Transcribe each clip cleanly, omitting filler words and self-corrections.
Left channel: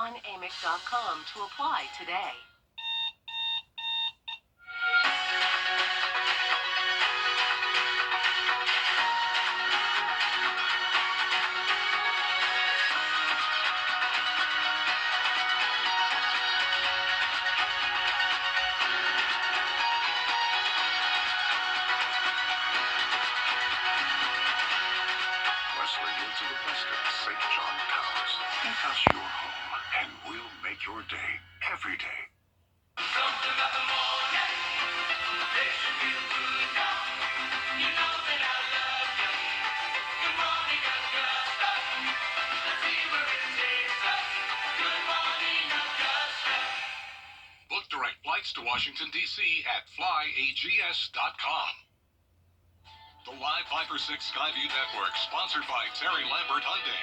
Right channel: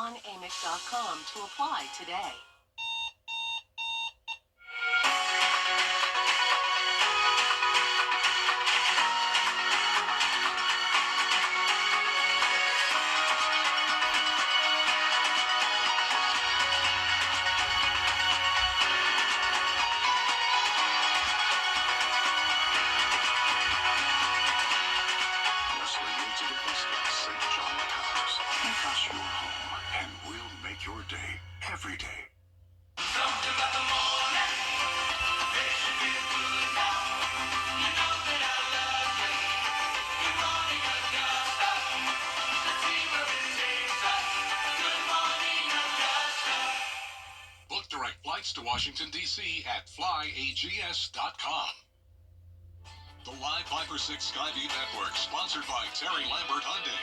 on AMIC.com to apply today. Take us your home, and we'll make your day every day. Something about the morning, they should be the food now. You know that I love you. Good morning, Augusta. Let's see where it takes us. Good morning, Augusta. Book direct flights to Washington, D.C. at flyags.com. The Live 5 for 6 Skyview Network, sponsored by Terry Lambert Hyundai.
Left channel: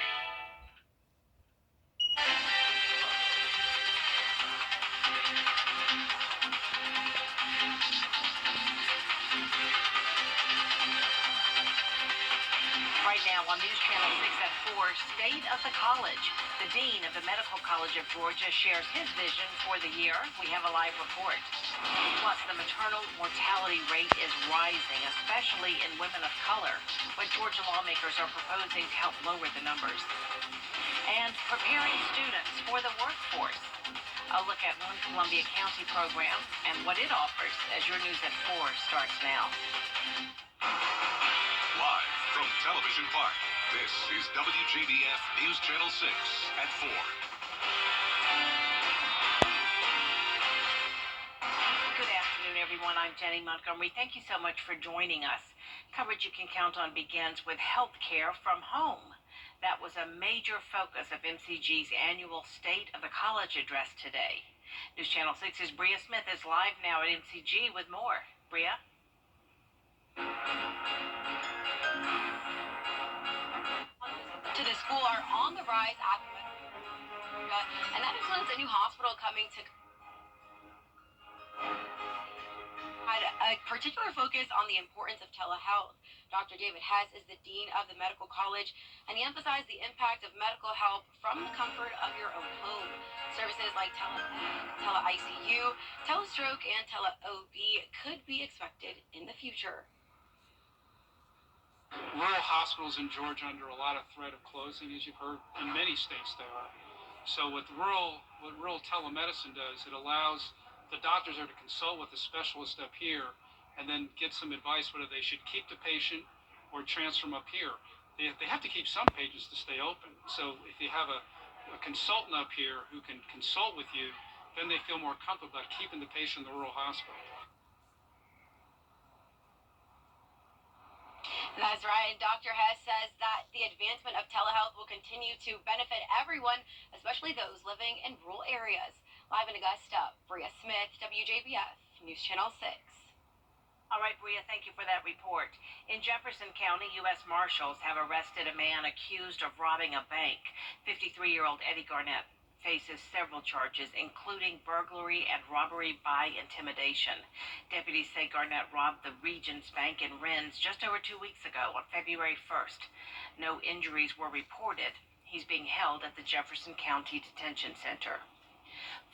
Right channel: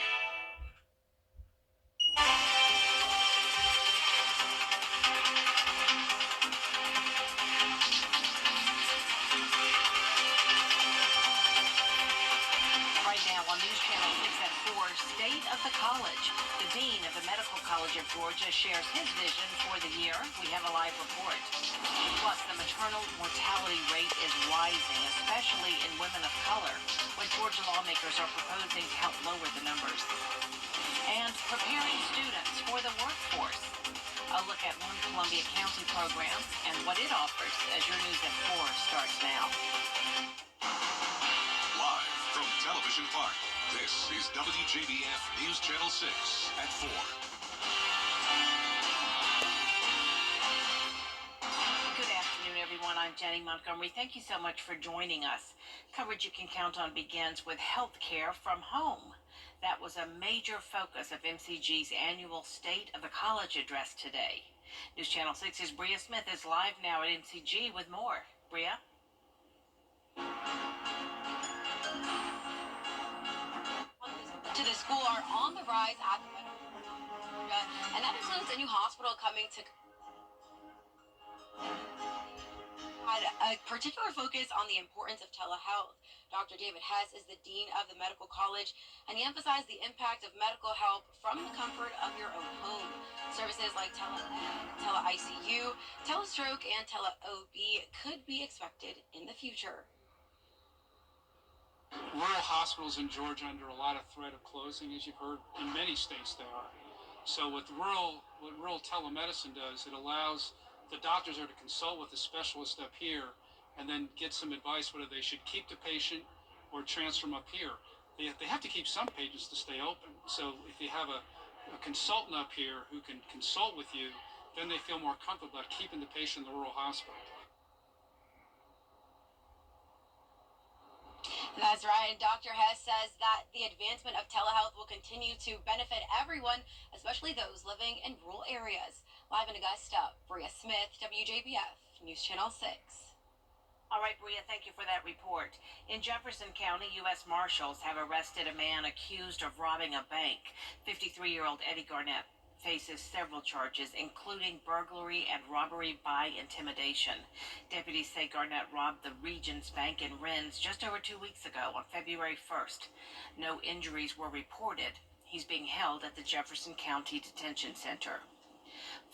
Right now on News Channel 6 at 4, State of the College. The Dean of the Medical College of Georgia shares his vision for the year. We have a live report. Plus, the maternal mortality rate is rising, especially in women of color, when Georgia lawmakers are proposing to help lower the numbers. And preparing students for the workforce. A look at one Columbia County program and what it offers as your News at 4 starts now. Live from Television Park, this is WJBF News Channel 6 at 4. Good afternoon, everyone. I'm Jenny Montgomery. Thank you so much for joining us. Coverage you can count on begins with health care from home. That was a major focus of MCG's annual State of the College address today. News Channel 6's Bria Smith is live now at MCG with more. Bria? To the school are on the rise at the and that includes a new hospital coming to had a particular focus on the importance of telehealth. Dr. David Hess is the Dean of the Medical College, and he emphasized the impact of medical help from the comfort of your own home. Services like tele-ICU, telestroke, and tele-OB could be expected in the future. Rural hospitals in Georgia under a lot of threat of closing, as you've heard. In many states there are. So what rural telemedicine does, it allows the doctors to consult with the specialist up here and then get some advice whether they should keep the patient or transfer them up here. They have to keep some patients to stay open. So if you have a consultant up here who can consult with you, then they feel more comfortable about keeping the patient in the rural hospital. That's right. And Dr. Hess says that the advancement of telehealth will continue to benefit everyone, especially those living in rural areas. Live in Augusta, Bria Smith, WJBF, News Channel 6. All right, Bria, thank you for that report. In Jefferson County, U.S. Marshals have arrested a man accused of robbing a bank. 53-year-old Eddie Garnett faces several charges, including burglary and robbery by intimidation. Deputies say Garnett robbed the Regions Bank in Rennes just over 2 weeks ago on February 1st. No injuries were reported. He's being held at the Jefferson County Detention Center.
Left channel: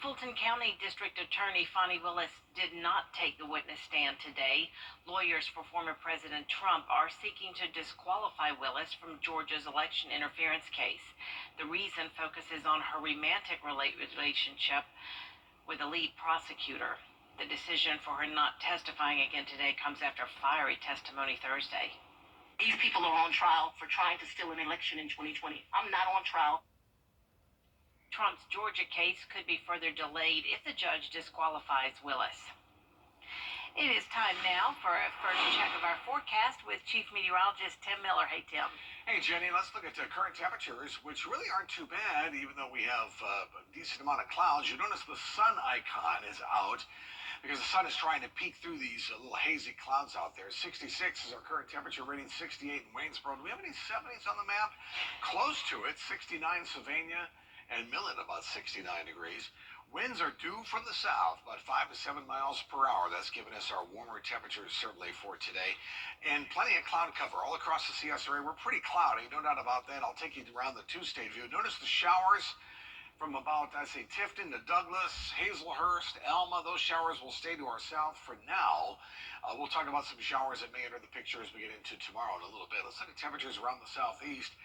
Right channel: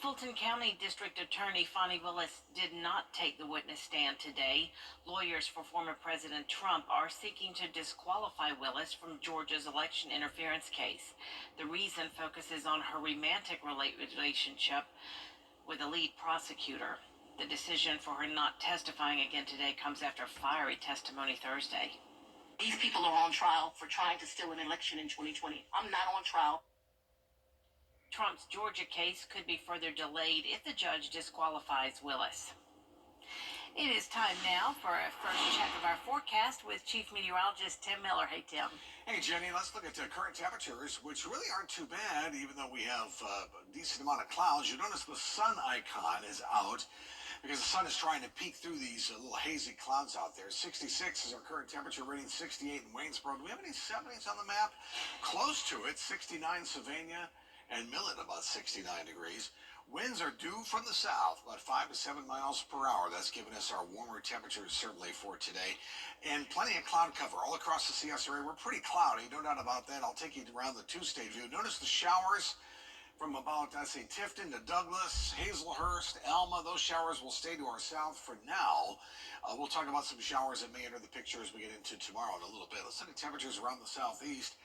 Fulton County District Attorney Fani Willis did not take the witness stand today. Lawyers for former President Trump are seeking to disqualify Willis from Georgia's election interference case. The reason focuses on her romantic relationship with the lead prosecutor. The decision for her not testifying again today comes after fiery testimony Thursday. These people are on trial for trying to steal an election in 2020. I'm not on trial. Trump's Georgia case could be further delayed if the judge disqualifies Willis. It is time now for a first check of our forecast with Chief Meteorologist Tim Miller. Hey, Tim. Hey, Jenny, let's look at current temperatures, which really aren't too bad, even though we have a decent amount of clouds. You notice the sun icon is out because the sun is trying to peek through these little hazy clouds out there. 66 is our current temperature, rating 68 in Waynesboro. Do we have any 70s on the map? Close to it, 69 Sylvania, and Millen about 69 degrees. Winds are due from the south, about 5 to 7 miles per hour. That's giving us our warmer temperatures certainly for today. And plenty of cloud cover all across the CS area. We're pretty cloudy, no doubt about that. I'll take you around the two-state view. Notice the showers from about, I say, Tifton to Douglas, Hazelhurst, Alma. Those showers will stay to our south for now. We'll talk about some showers that may enter the picture as we get into tomorrow in a little bit. Let's look at temperatures around the southeast.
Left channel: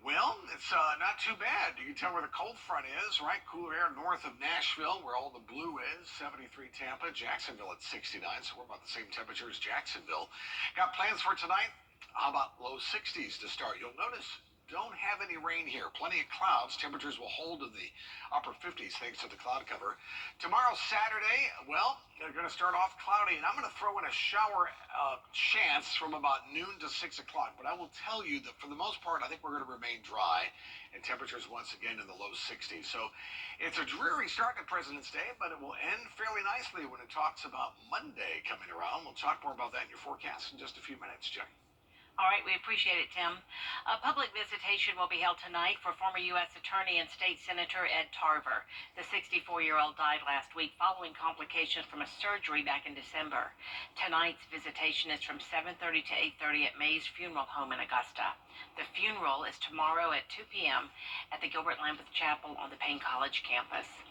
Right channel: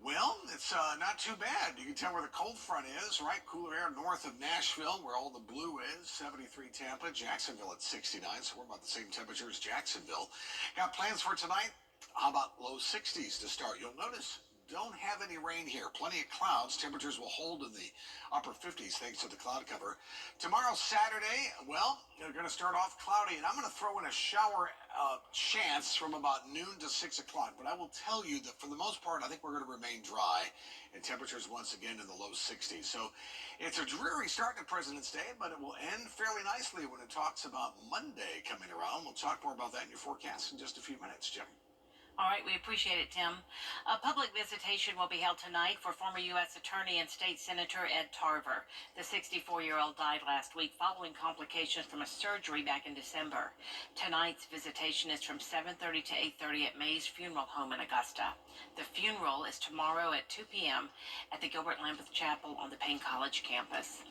Well, it's not too bad. You can tell where the cold front is, right? Cooler air north of Nashville, where all the blue is. 73 Tampa, Jacksonville at 69, so we're about the same temperature as Jacksonville. Got plans for tonight? How about low 60s to start? You'll notice don't have any rain here. Plenty of clouds. Temperatures will hold in the upper 50s thanks to the cloud cover. Tomorrow, Saturday, well, they're going to start off cloudy, and I'm going to throw in a shower chance from about noon to 6 o'clock. But I will tell you that for the most part, I think we're going to remain dry, and temperatures once again in the low 60s. So it's a dreary start to President's Day, but it will end fairly nicely when it talks about Monday coming around. We'll talk more about that in your forecast in just a few minutes, Jenny. All right, we appreciate it, Tim. A public visitation will be held tonight for former U.S. Attorney and State Senator Ed Tarver. The 64-year-old died last week following complications from a surgery back in December. Tonight's visitation is from 7:30 to 8:30 at Mays Funeral Home in Augusta. The funeral is tomorrow at 2 p.m. at the Gilbert Lambeth Chapel on the Payne College campus.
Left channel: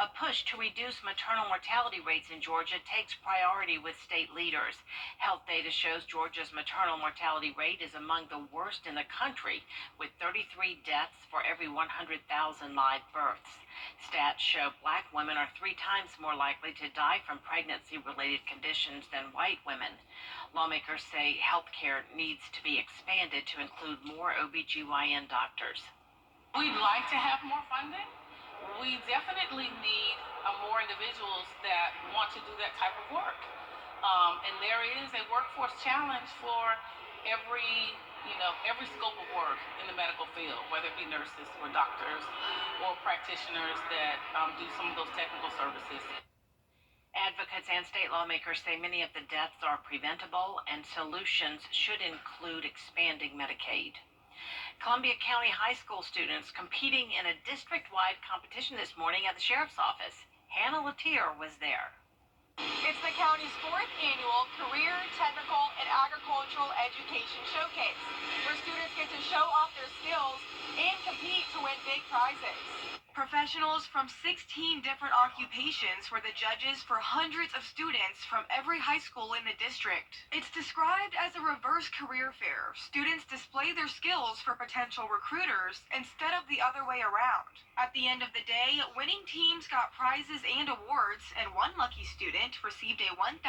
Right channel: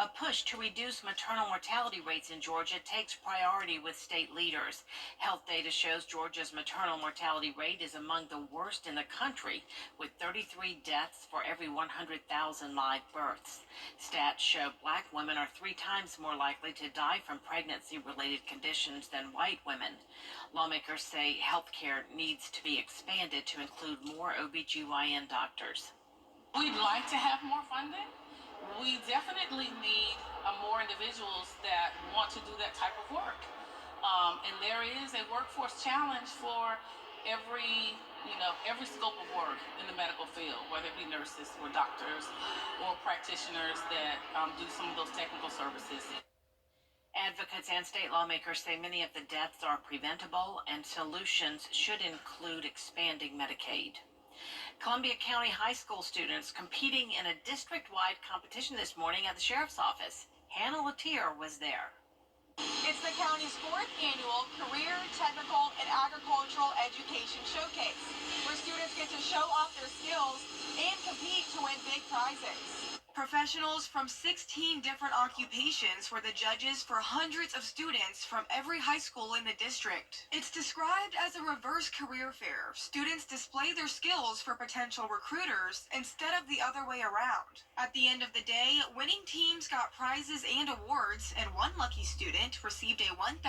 A push to reduce maternal mortality rates in Georgia takes priority with state leaders. Health data shows Georgia's maternal mortality rate is among the worst in the country, with 33 deaths for every 100,000 live births. Stats show black women are 3 times more likely to die from pregnancy-related conditions than white women. Lawmakers say health care needs to be expanded to include more OBGYN doctors. We'd like to have more funding. We definitely need more individuals that want to do that type of work. And there is a workforce challenge for every scope of work in the medical field, whether it be nurses or doctors or practitioners that do some of those technical services. Advocates and state lawmakers say many of the deaths are preventable and solutions should include expanding Medicaid. Columbia County High School students competing in a district-wide competition this morning at the Sheriff's Office. Hannah Latier was there. It's the county's 4th annual Career, Technical, and Agricultural Education Showcase, where students get to show off their skills and compete to win big prizes. Professionals from 16 different occupations were the judges for hundreds of students from every high school in the district. It's described as a reverse career fair. Students display their skills for potential recruiters instead of the other way around. At the end of the day, winning teams got prizes and awards, and one lucky student received a $1,000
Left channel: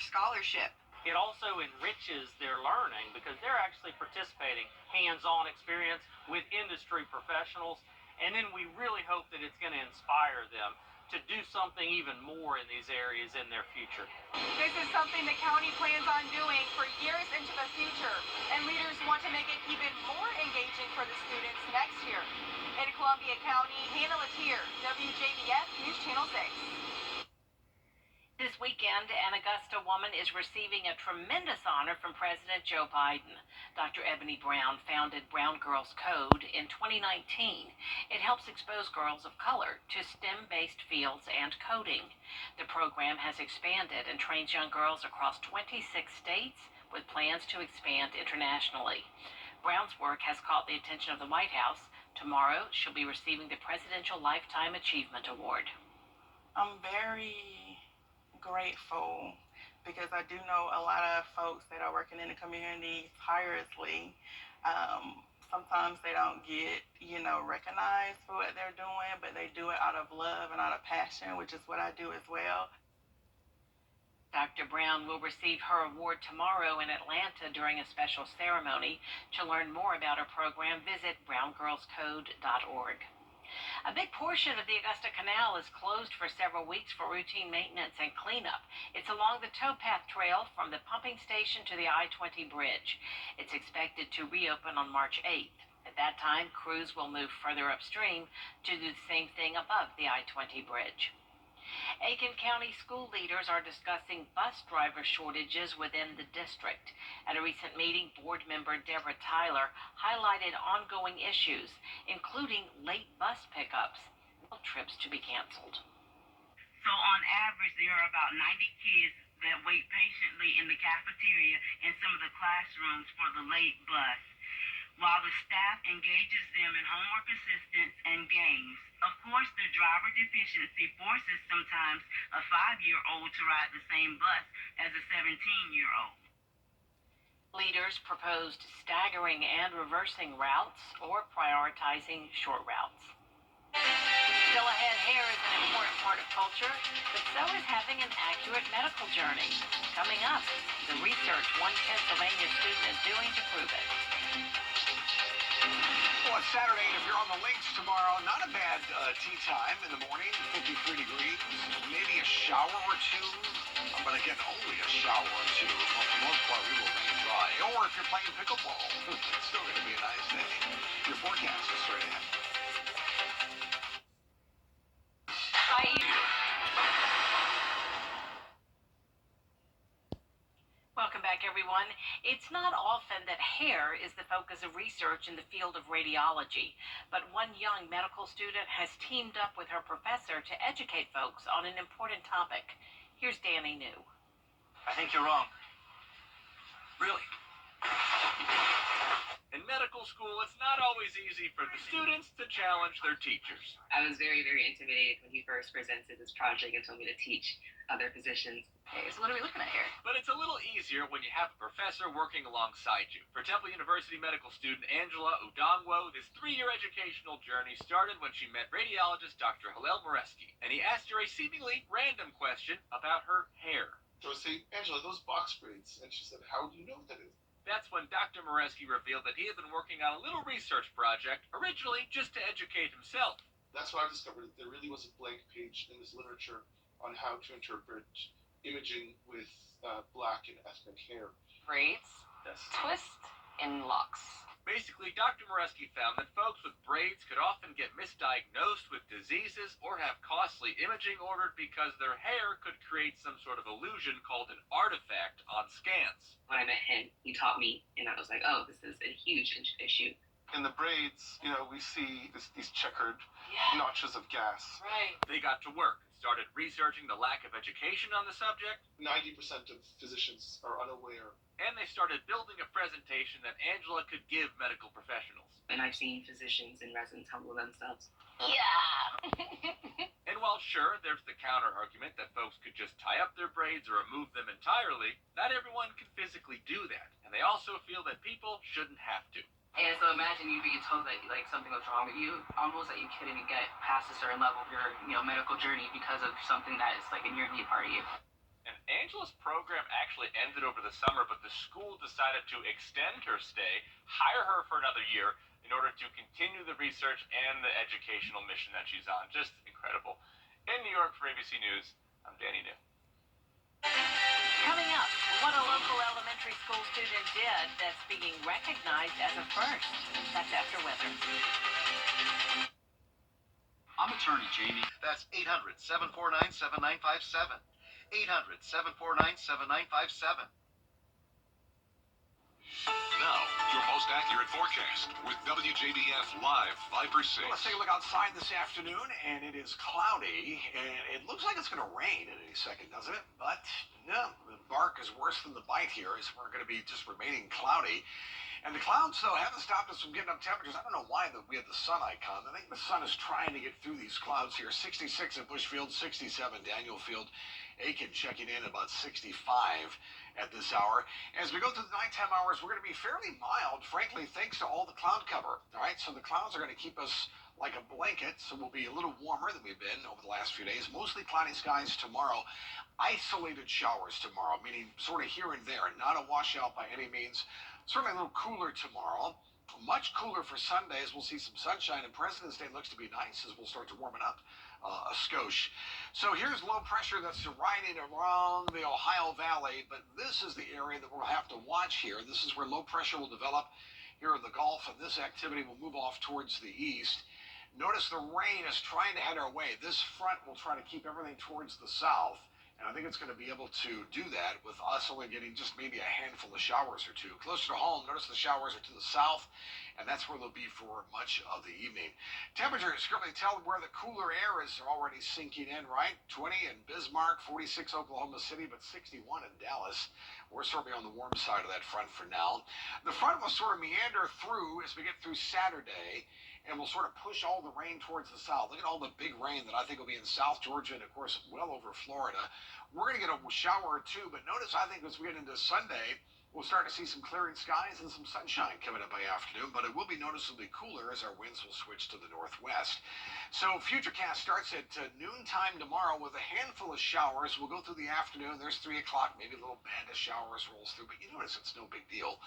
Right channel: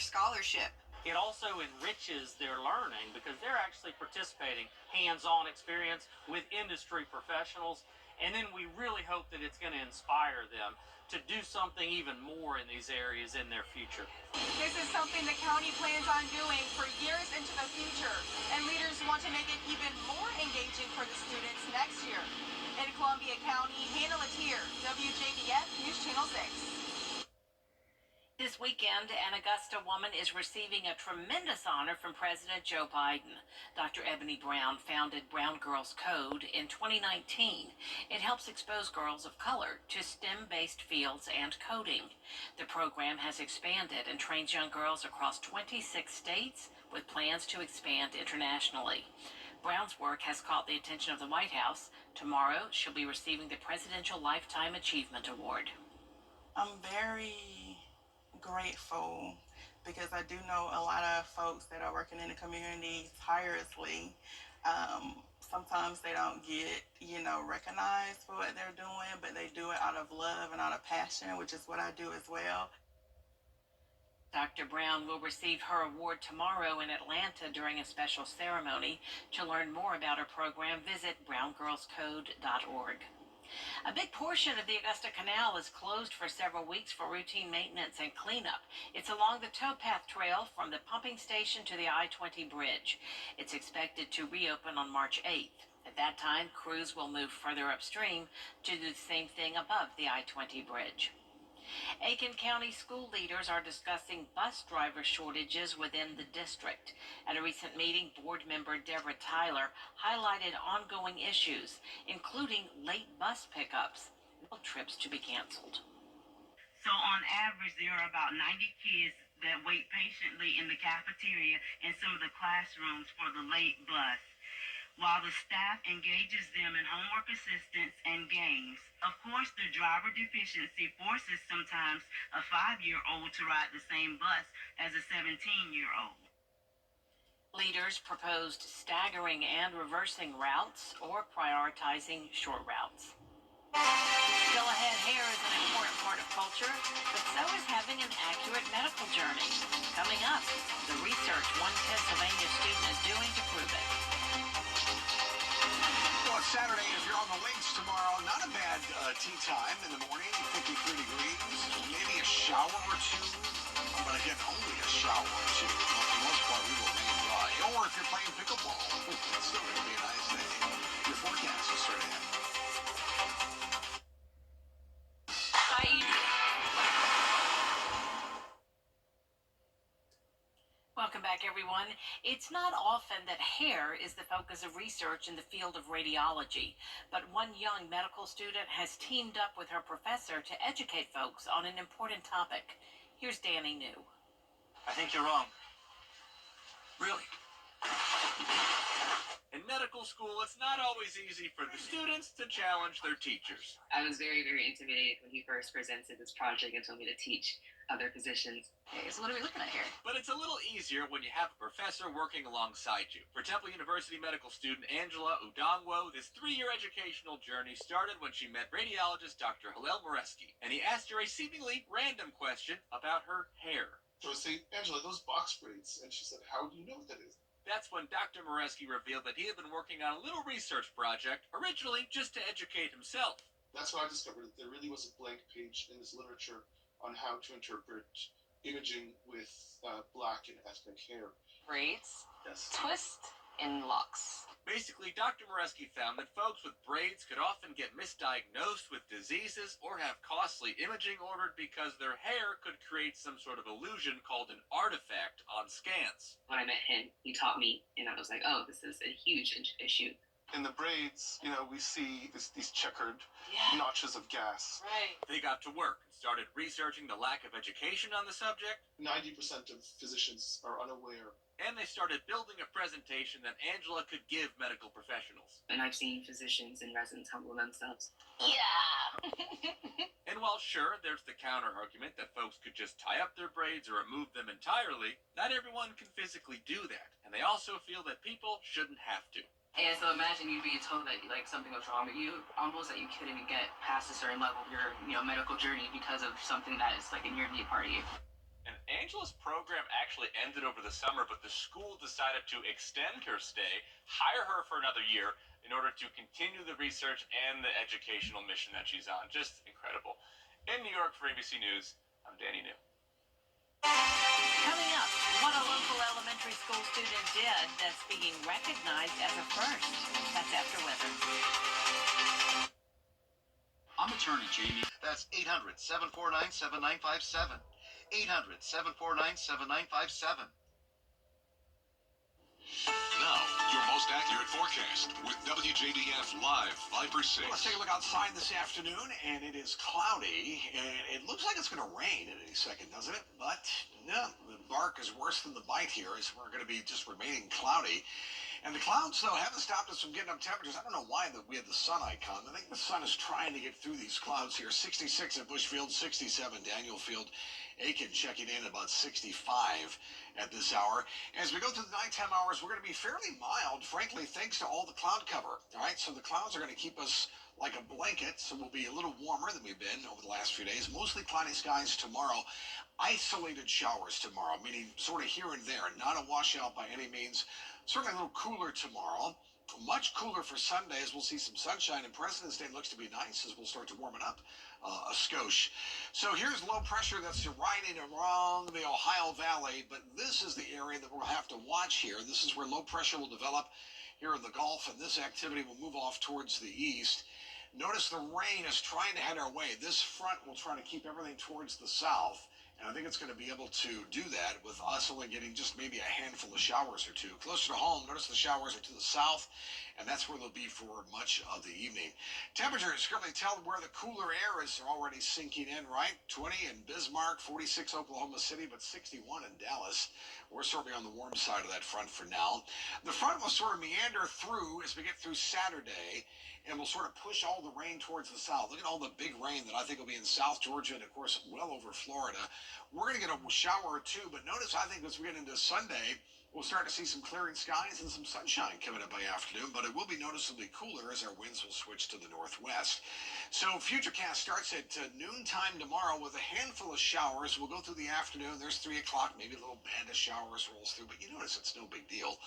scholarship. It also enriches their learning because they're actually participating hands-on experience with industry professionals. And then we really hope that it's going to inspire them to do something even more in these areas in their future. This is something the county plans on doing for years into the future, and leaders want to make it even more engaging for the students next year. In Columbia County, Hannah Latier, WJBF News Channel 6. This weekend, an Augusta woman is receiving a tremendous honor from President Joe Biden. Dr. Ebony Brown founded Brown Girls Code in 2019. It helps expose girls of color to STEM-based fields and coding. The program has expanded and trains young girls across 26 states with plans to expand internationally. Brown's work has caught the attention of the White House. Tomorrow, she'll be receiving the Presidential Lifetime Achievement Award. I'm very grateful because I do know a lot of folks that are working in the community tirelessly. Sometimes they don't get, recognized for what they're doing, but they do it out of love and out of passion, which is what I do as well. Dr. Brown will receive her award tomorrow in Atlanta during a special ceremony. To learn more about her program, visit browngirlscode.org. A big portion of the Augusta Canal is closed for several weeks for routine maintenance and cleanup. It's along the towpath trail from the pumping station to the I-20 bridge. It's expected to reopen on March 8th. At that time, crews will move further upstream to do the same thing above the I-20 bridge. Aiken County school leaders are discussing bus driver shortages within the district. At a recent meeting, board member Deborah Tyler highlighted ongoing issues, including late bus pickups and trips to be canceled. So on average, there are about 90 kids that wait patiently in the cafeteria and some of the classrooms for the late bus. while the staff engages them in homework assistance and games. Of course, the driver deficiency forces sometimes a 5-year-old to ride the same bus as a 17-year-old. Leaders proposed staggering and reversing routes or prioritizing short routes. Still ahead, hair is an important part of culture, but so is having an accurate medical journey. Coming up, the research one Pennsylvania student is doing to prove it. Well, it's Saturday, and if you're on the links tomorrow, not a bad tea time in the morning, 53 degrees, maybe a shower or two, but again, only a shower or two. Well, for the most part, we will remain dry. Or if you're playing pickleball, it's still going to be a nice day. Your forecast is straight ahead. Welcome back, everyone. It's not often that hair is the focus of research in the field of radiology, but one young medical student has teamed up with her professor to educate folks on an important topic. Here's Danny New. I think you're wrong. Really? In medical school, it's not always easy for the students to challenge their teachers. I was very, very intimidated when he first presented this project and told me to teach other physicians. Okay, so what are we looking at here? But it's a little easier when you have a professor working alongside you. For Temple University medical student Angela Udongwo, this 3-year educational journey started when she met radiologist Dr. Hillel Moreski, and he asked her a seemingly random question about her hair. So I was saying, Angela, those box braids. And she said, how do you know what that is? That's when Dr. Moreski revealed that he had been working on a little research project, originally just to educate himself. That's when I discovered that there really was a blank page in this literature on how to interpret imaging with black and ethnic hair. Braids, Yes. twist, and locks. Basically, Dr. Moreski found that folks with braids could often get misdiagnosed with diseases or have costly imaging ordered because their hair could create some sort of illusion called an artifact on scans. When I met him, he taught me, and I was like, oh, this is a huge issue. In the braids, we see these checkered notches of gas. Right. They got to work and started researching the lack of education on the subject. 90% of physicians are unaware. And they started building a presentation that Angela could give medical professionals. And I've seen physicians and residents humble themselves. Yeah! And while sure, there's the counter argument that folks could just tie up their braids or remove them entirely, not everyone can physically do that. And they also feel that people shouldn't have to. And so imagine you being told that something was wrong with you, almost that you couldn't even get past a certain level of your medical journey because of something that is a near and dear part of you. And Angela's program actually ended over the summer, but the school decided to extend her stay, hire her for another year in order to continue the research and the educational mission that she's on. Just incredible. In New York for ABC News, I'm Danny New. Coming up, what a local elementary school student did that's being recognized as a first. That's after weather. I'm attorney Jamie. That's 800-749-7957. 800-749-7957. Now, your most accurate forecast with WJBF Live 5 for 6. Well, let's take a look outside this afternoon, and it is cloudy, and it looks like it's going to rain at any second, doesn't it? But no, the bark is worse than the bite here, as we're going to be just remaining cloudy. And the clouds, though, haven't stopped us from getting up temperatures. I don't know why we have the sun icon. I think the sun is trying to get through these clouds here. 66 at Bushfield, 67 Danielfield. Aiken checking in about 65 at this hour. As we go through the nighttime hours, we're going to be fairly mild, frankly, thanks to all the cloud cover. All right, so the clouds are going to keep us like a blanket, so we'll be a little warmer than we've been over the last few days. Mostly cloudy skies tomorrow. Isolated showers tomorrow, meaning sort of here and there, not a washout by any means. Certainly a little cooler tomorrow. Much cooler for Sunday as we'll see some sunshine, and President's Day looks to be nice as we'll start to warm it up a skosh. So here's low pressure that's riding around the Ohio Valley, but this is the area that we'll have to watch here. This is where low pressure will develop here in the Gulf, and this activity will move off towards the east. Notice the rain is trying to head our way. This front will try to keep everything towards the south, And I think it's going to be able to do that with us only getting just maybe a handful of showers or two. Closer to home, notice the showers are to the south, and that's where they'll be for much of the evening. Temperatures currently tell where the cooler air is already sinking in, right? 20 in Bismarck, 46 Oklahoma City, but 61 in Dallas. We're sort of on the warm side of that front for now. The front will sort of meander through as we get through Saturday, and we'll sort of push all the rain towards the south. Look at all the big rain that I think will be in South Georgia and, of course, well over Florida. We're going to get a shower or two, but notice I think as we get into Sunday, we'll start to see some clearing skies and some sunshine coming up by afternoon, but it will be noticeably cooler as our winds will switch to the northwest. So Futurecast starts at noontime tomorrow with a handful of showers. We'll go through the afternoon. There's 3 o'clock, maybe a little band of showers rolls through, but you notice it's no big deal.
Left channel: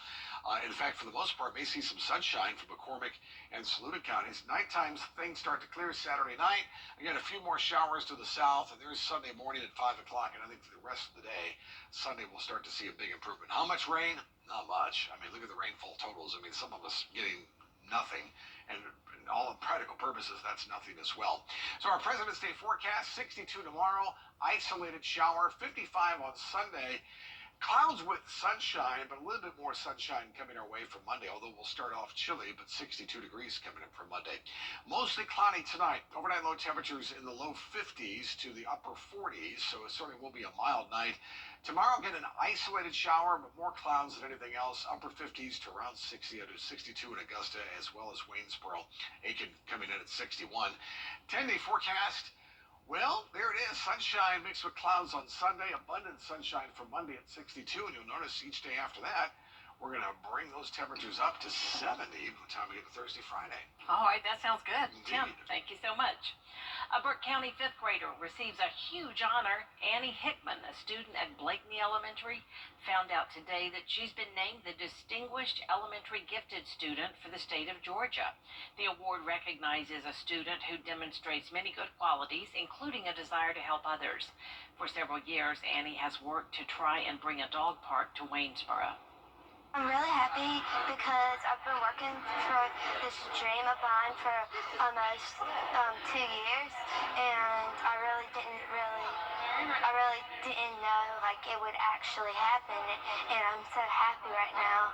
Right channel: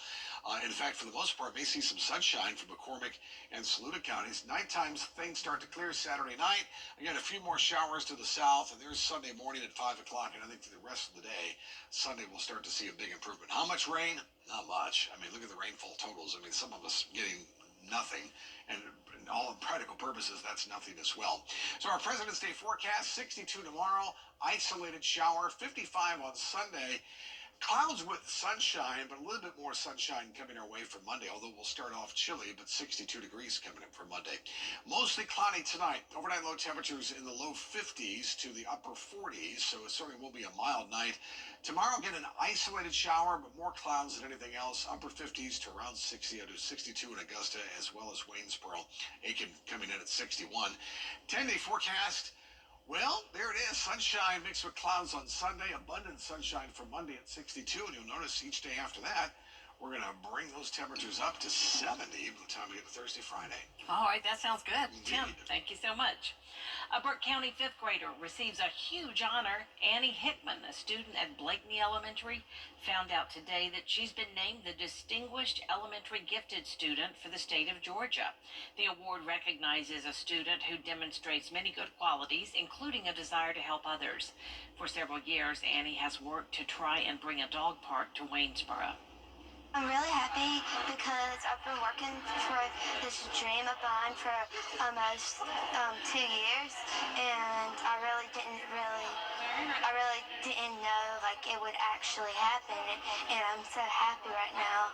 In fact, for the most part, may see some sunshine from McCormick and Saluda counties. Nighttime, things start to clear Saturday night. Again, a few more showers to the south, and there's Sunday morning at 5 o'clock, and I think for the rest of the day, Sunday we'll start to see a big improvement. How much rain? Not much. I mean, look at the rainfall totals. I mean, some of us getting nothing, and all practical purposes, that's nothing as well. So our President's Day forecast, 62 tomorrow, isolated shower, 55 on Sunday. Clouds with sunshine, but a little bit more sunshine coming our way for Monday, although we'll start off chilly, but 62 degrees coming in for Monday. Mostly cloudy tonight. Overnight low temperatures in the low 50s to the upper 40s, so it certainly will be a mild night. Tomorrow, get an isolated shower, but more clouds than anything else. Upper 50s to around 60, to 62 in Augusta, as well as Waynesboro. Aiken coming in at 61. 10-day forecast. Well, there it is. Sunshine mixed with clouds on Sunday. Abundant sunshine for Monday at 62. And you'll notice each day after that, we're going to bring those temperatures up to 70 by the time we get to Thursday, Friday. All right, that sounds good. Indeed. Tim, thank you so much. A Burke County fifth grader receives a huge honor. Annie Hickman, a student at Blakeney Elementary, found out today that she's been named the Distinguished Elementary Gifted Student for the state of Georgia. The award recognizes a student who demonstrates many good qualities, including a desire to help others. For several years, Annie has worked to try and bring a dog park to Waynesboro. I'm really happy because I've been working for this dream of mine for almost 2 years, and I really didn't know like it would actually happen, and I'm so happy right now.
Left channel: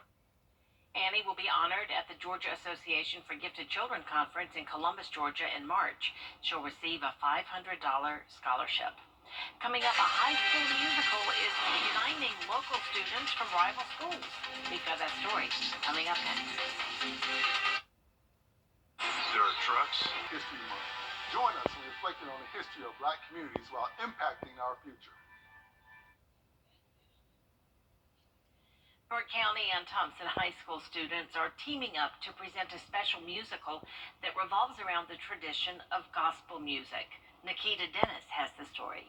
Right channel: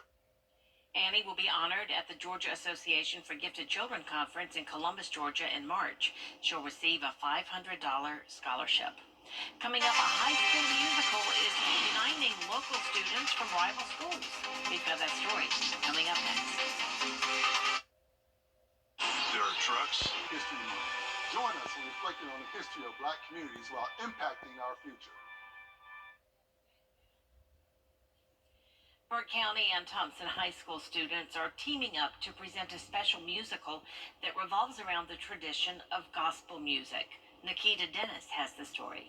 Annie will be honored at the Georgia Association for Gifted Children Conference in Columbus, Georgia in March. She'll receive a $500 scholarship. Coming up, a high school musical is uniting local students from rival schools. We've got that story coming up next. Dirt Trucks History Month. Join us in reflecting on the history of black communities while impacting our future. Burke County and Thompson High School students are teaming up to present a special musical that revolves around the tradition of gospel music. Nikita Dennis has the story.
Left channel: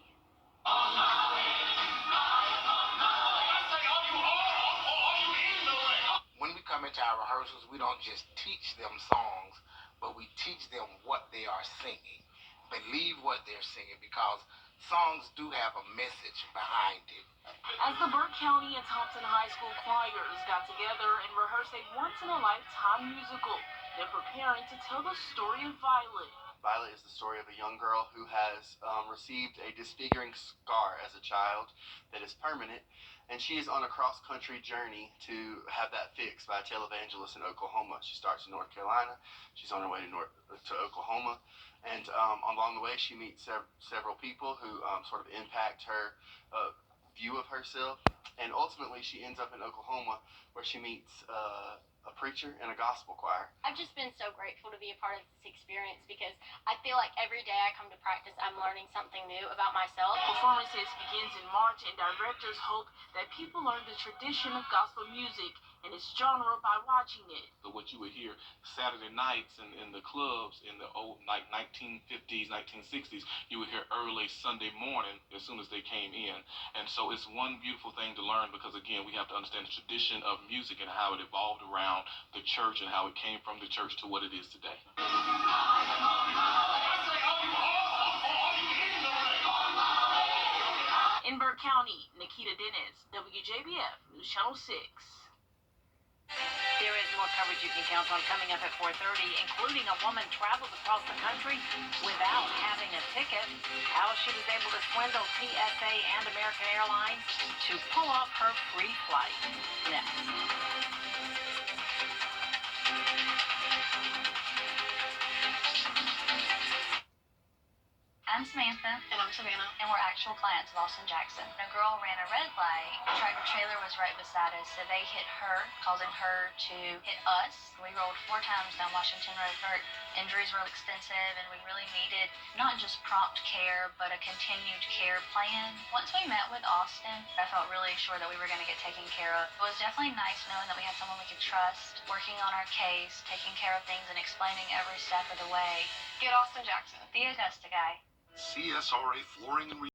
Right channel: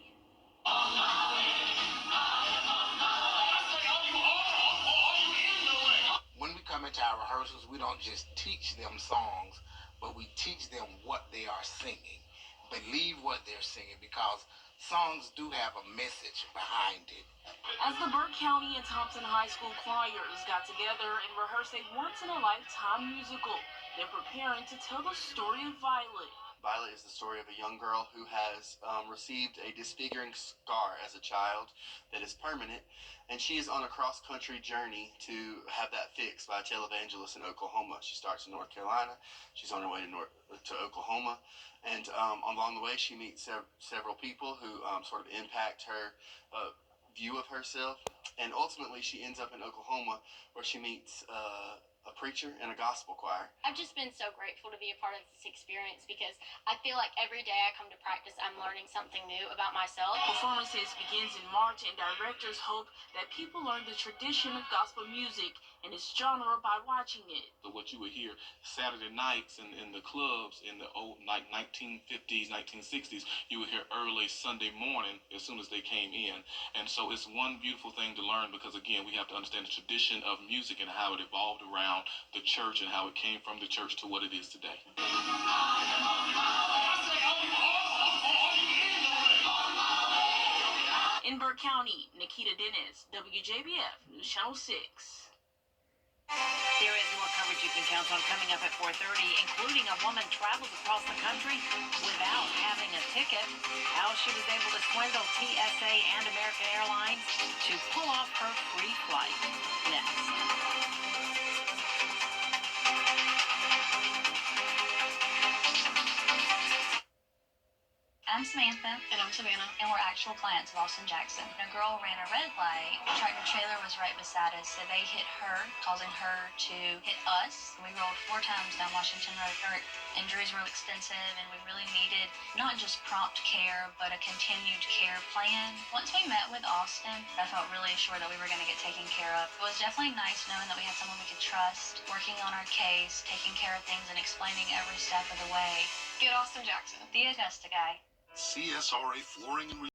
When we come into our rehearsals, we don't just teach them songs, but we teach them what they are singing. Believe what they're singing, because songs do have a message behind it. As the Burke County and Thompson High School choirs got together and rehearsed a once-in-a-lifetime musical, they're preparing to tell the story of Violet. Violet is the story of a young girl who has received a disfiguring scar as a child that is permanent, and she is on a cross-country journey to have that fixed by a televangelist in Oklahoma. She starts in North Carolina, she's on her way to Oklahoma, and along the way she meets several people who sort of impact her view of herself, and ultimately she ends up in Oklahoma where she meets a preacher and a gospel choir. I've just been so grateful to be a part of this experience because I feel like every day I come to practice, I'm learning something new about myself. Performances begins in March, and directors hope that people learn the tradition of gospel music and its genre by watching it. So what you would hear Saturday nights in the clubs in the old 1950s, 1960s, you would hear early Sunday morning as soon as they came in. And so it's one beautiful thing to learn because, again, we have to understand the tradition of music and how it evolved around the church and how it came from the church to what it is today. In Burke County, Nikita Dennis, WJBF News Channel 6. There is more coverage you can count on coming up at 4:30, including a woman travels across the country without having a ticket. How she was able to swindle TSA and American Airlines to pull off her free flight. Next. I'm Samantha. And I'm Savannah. And we're actual clients of Austin Jackson. A girl ran a red light. The tractor trailer was right beside us, so they hit her, causing her to hit us. We rolled 4 times down Washington Road. Her injuries were extensive, and we really needed not just prompt care, but a continued care plan. Once we met with Austin, I felt really sure that we were going to get taken care of. It was definitely nice knowing that we had someone we could trust, working on our case, taking care of things, and explaining every step of the way. Get Austin Jackson. The Augusta guy. CSRA Flooring and